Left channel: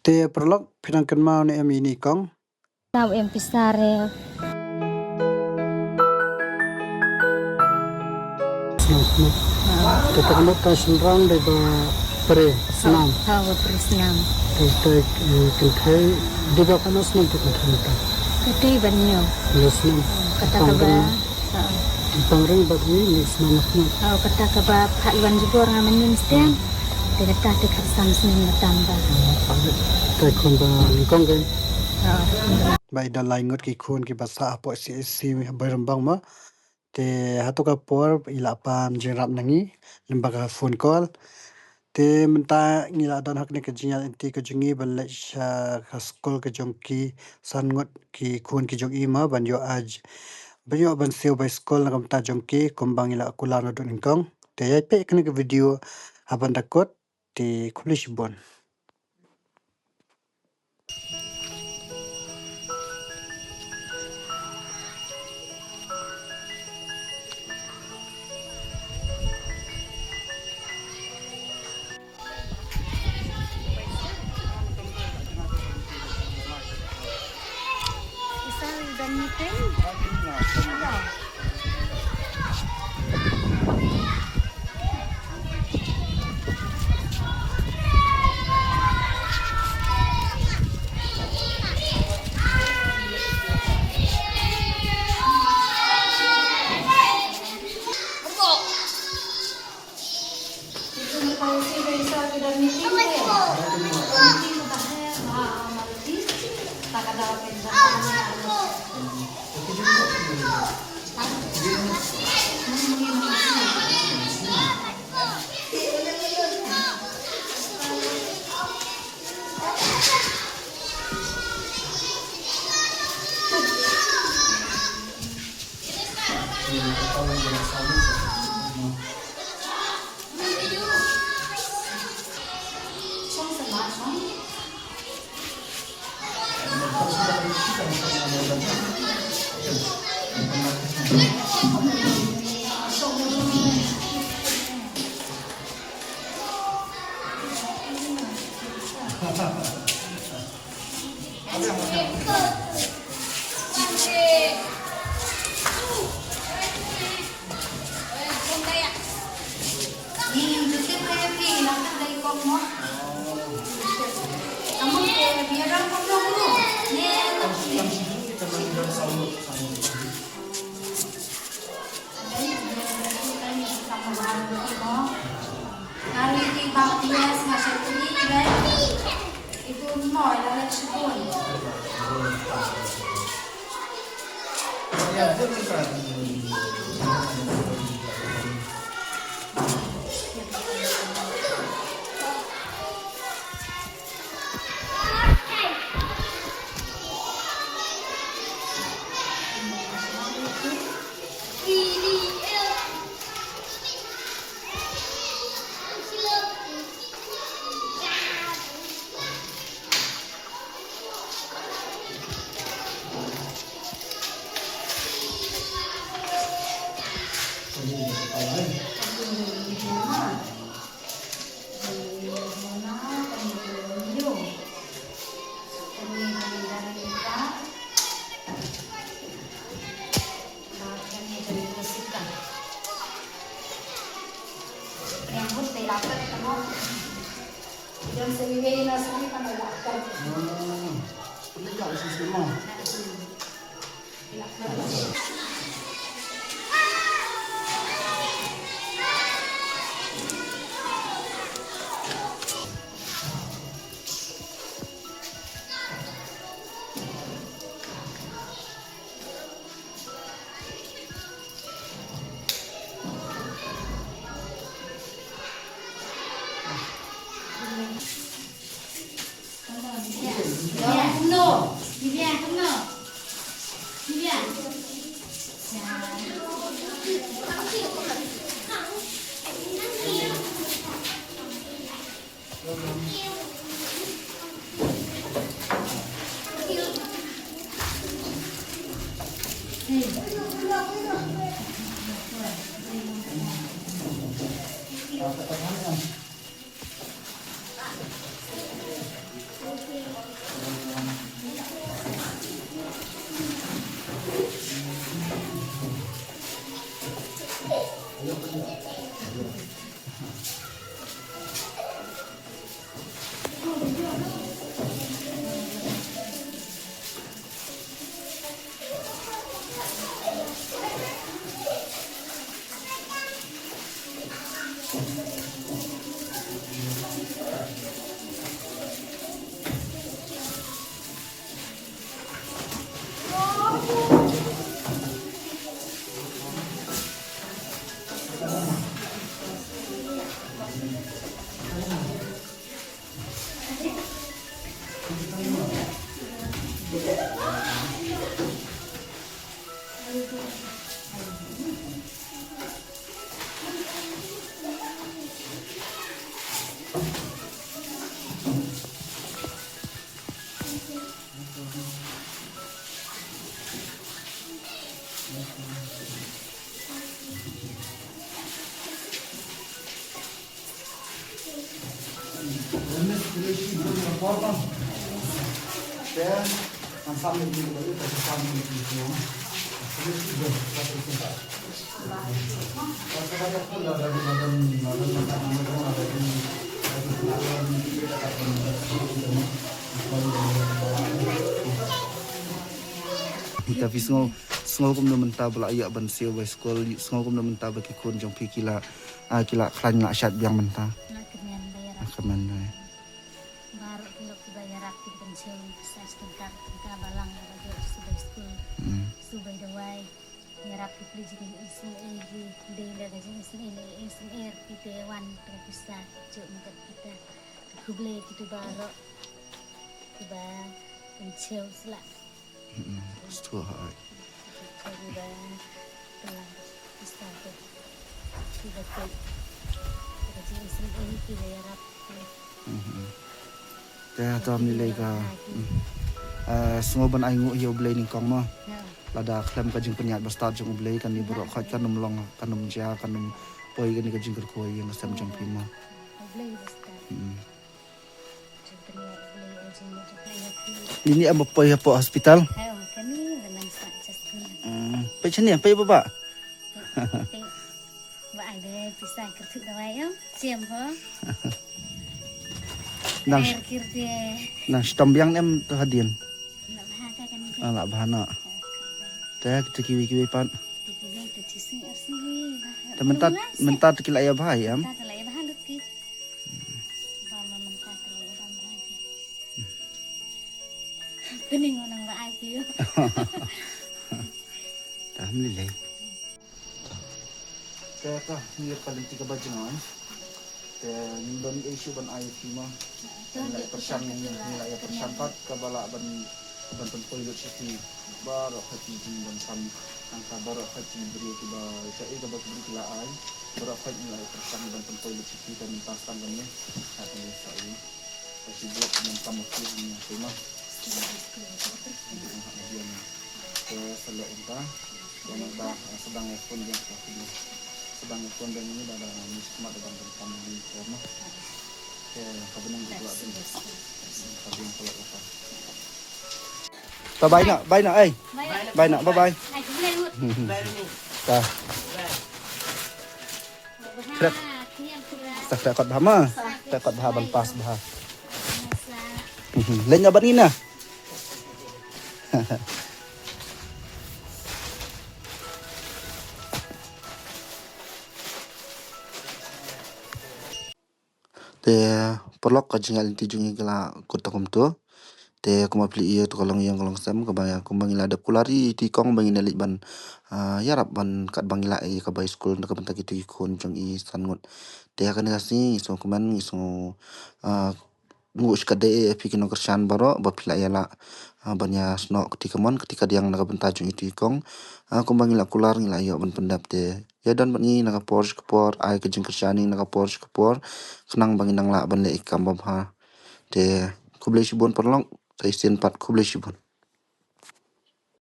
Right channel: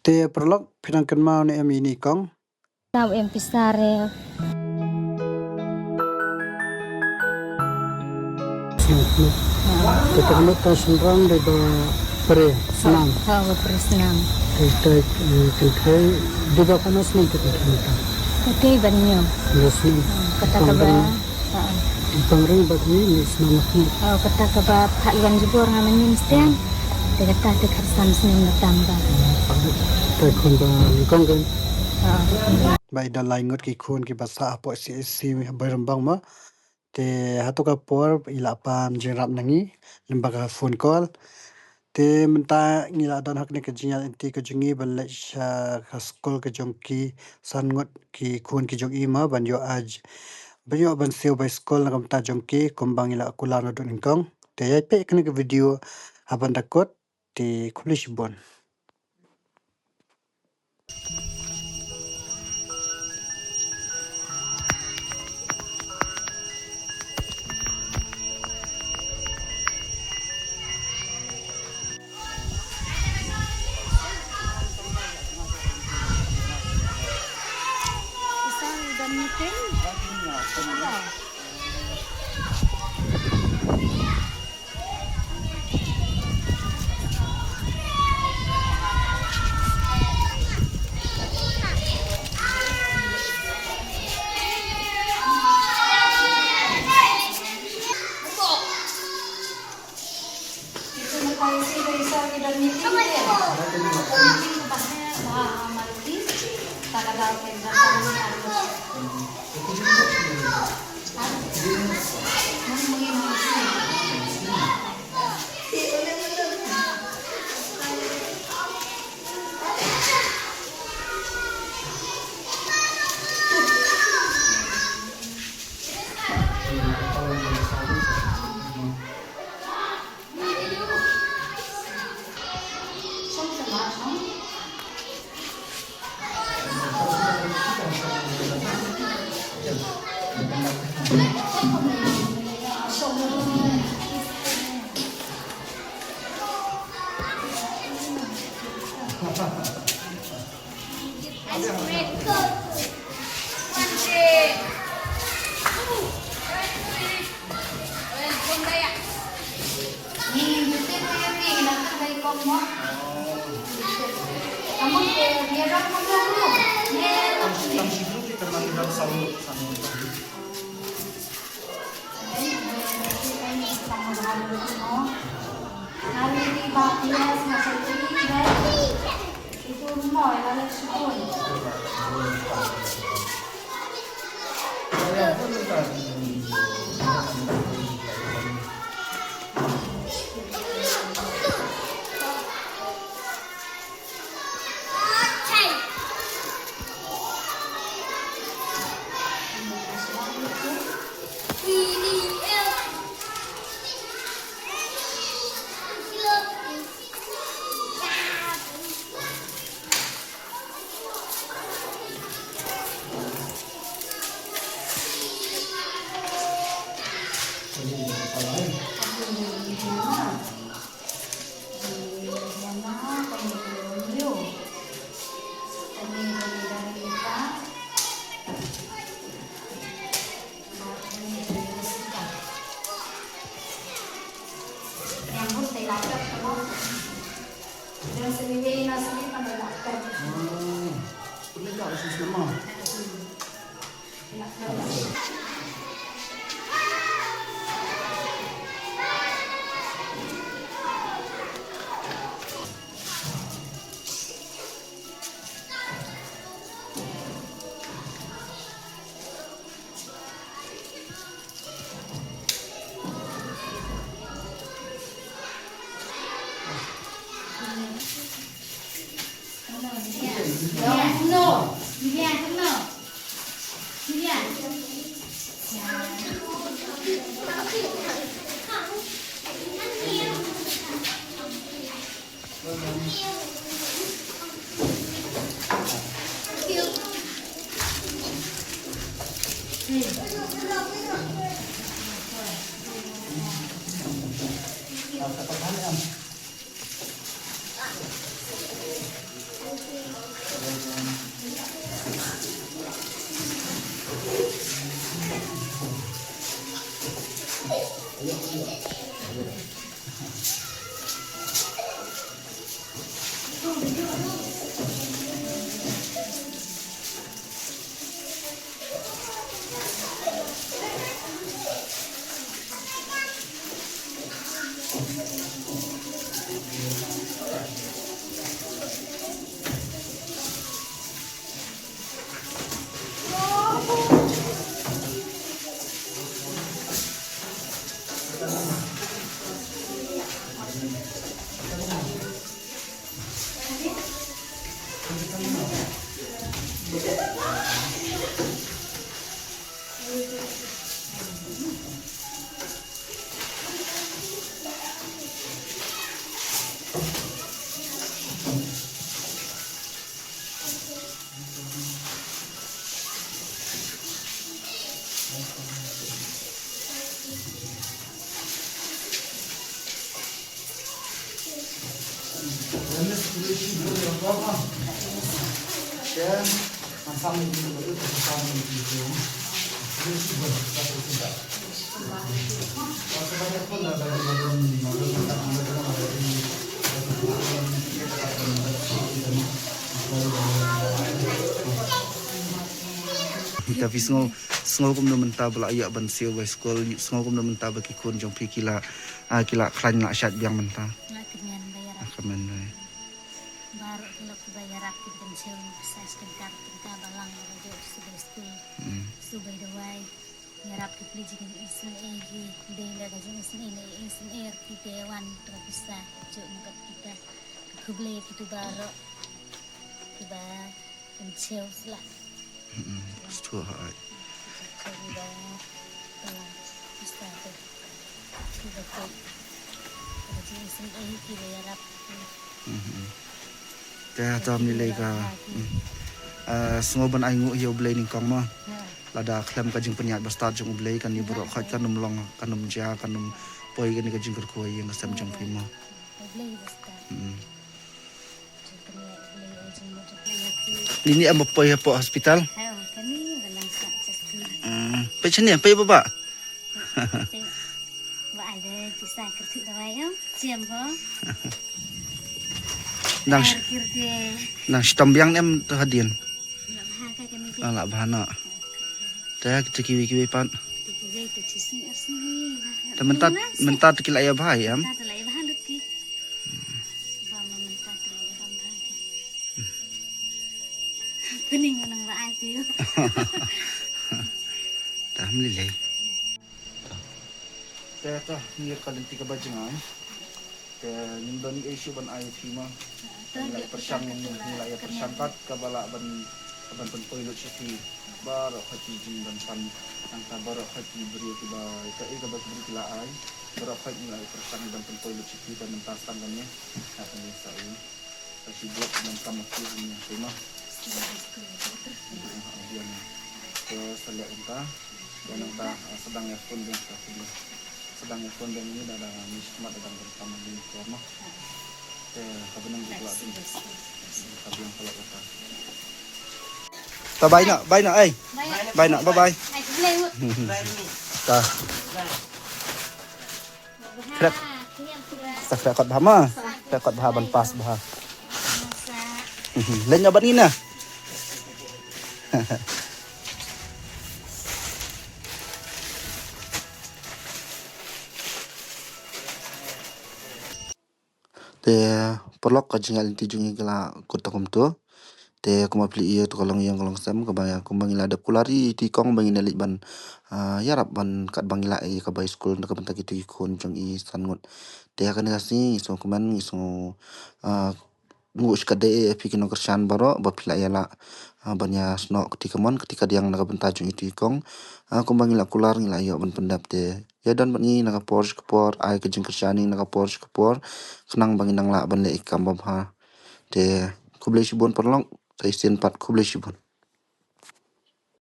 Te prolog pinangkan mau ni em ini kong. Tahu em pisare. Kita kena tahu sembrang dari peri senam. Tahu bersenam. Kita kentai di bawah panas nanti kita minta. Kedai banyak. Yes nih. Kata kaba. Pangrang bab ini senam aku. Kata kaba Pak Iwan juga orang manin setiang. Dia kata dekat samsung tambah. Kita kondang kong kan. Baik dah lain ngot ki kun ki basa apa si berembang ma. Te hatu ka por ila pam jengrap nangi lembaga phone call. Te menta ngila don hak ne kejinya inti kejungi balai ka skol ke jongki sangot ki kun ki jong ima banyo aj banyo ban seo by skol na kamta jongki kumbang ila kulano don ingkong te yai pe kene ke video aban dakot te kulish bon. Dan mungkin ya. Itu mau lalak syukun. Dan seliwe nasi pada lakar. Ini kau isi semua. Lakar. No, Vivian, no. Vivian. Tapi semua kum naman tabla ayak ban siu by school semua kum naman tabla kikun jong pi kila kran la syat biang mentah Lah kenyan bayar akaman baru kilo bayar aku dengan sewa saya sekitar kita balang baju sudah school sudah dawai yarap kipli jikin isun egi dela gajin isun ini isun kita wan terpisa cuk mukat kita kuble gitu baru tiba pencil selak Setua hai tiba balang bisa tuh tiba tuh gajin isun egi kita yarap Kaya tam nilai ka semua ban aingu hiu belai ni kong ma lada klem ka jing penyat basta jong belai kan ni buruk khat kan long kan ja kan poi kan ni ka jing koi yang sam jong pi ma beli basta Jemputnya beli aja mau jemput ini am poi po hospital ayo kami dalam satu pe chen ni pe ba Mbak ada kisah kerja dawai siam ho nang kerja nang stambiang nem hadin nak bahaka kami ala bahana ta kita kiwi pan tiga itu cisni asni ta mentat kila ya bahai am tak terlalu bahalut ki bama mentah terlalu bama ki kuning menang mbak aki ta melilai ta ta ni kalin tiga bajang ni ban isu ban ai fi ma nilai persang nilai persang kat kabala ban poi lo chipi bar khati jin ban sam angka bar khati beri tiba ka e kabas beri kila ai bar khati nilai persang ban poi lo chipi dan mentas tangannya tak ini sai kasi buat dengan kamu ni tema dia ke selo inta dan inta sedang pun dia sedang pun dan ini ada mismat dan bersama di forma kabenang juga kabenang kalau apa bye nak eh bye nak bye bye ta krep sak rekod bahama rekod bahaban pas bah lên nhà bạn in nè te polok ka jingal ti jungi gala kotakom to te kuma pli iyo to kalong yang kalong sam ka baya kumbangila da kulari ti kong bangina lit ban yarap ban kat bangila e ka bay school na ka banta gitu ikon jong i sangot te ka ni kasi so kuman so ngus ka de pikin kersan baro ba pila yala banya sno ketika dia nak banta jong itu ikong kumbangila kular ngila yo ban pendap te ya dan bangi nak Porsche kapor ai ke jing kersaning nak Porsche kapor kenang bangi nang la ban le ikam ba te kublai shibon perlong tai sen pat kublai shibon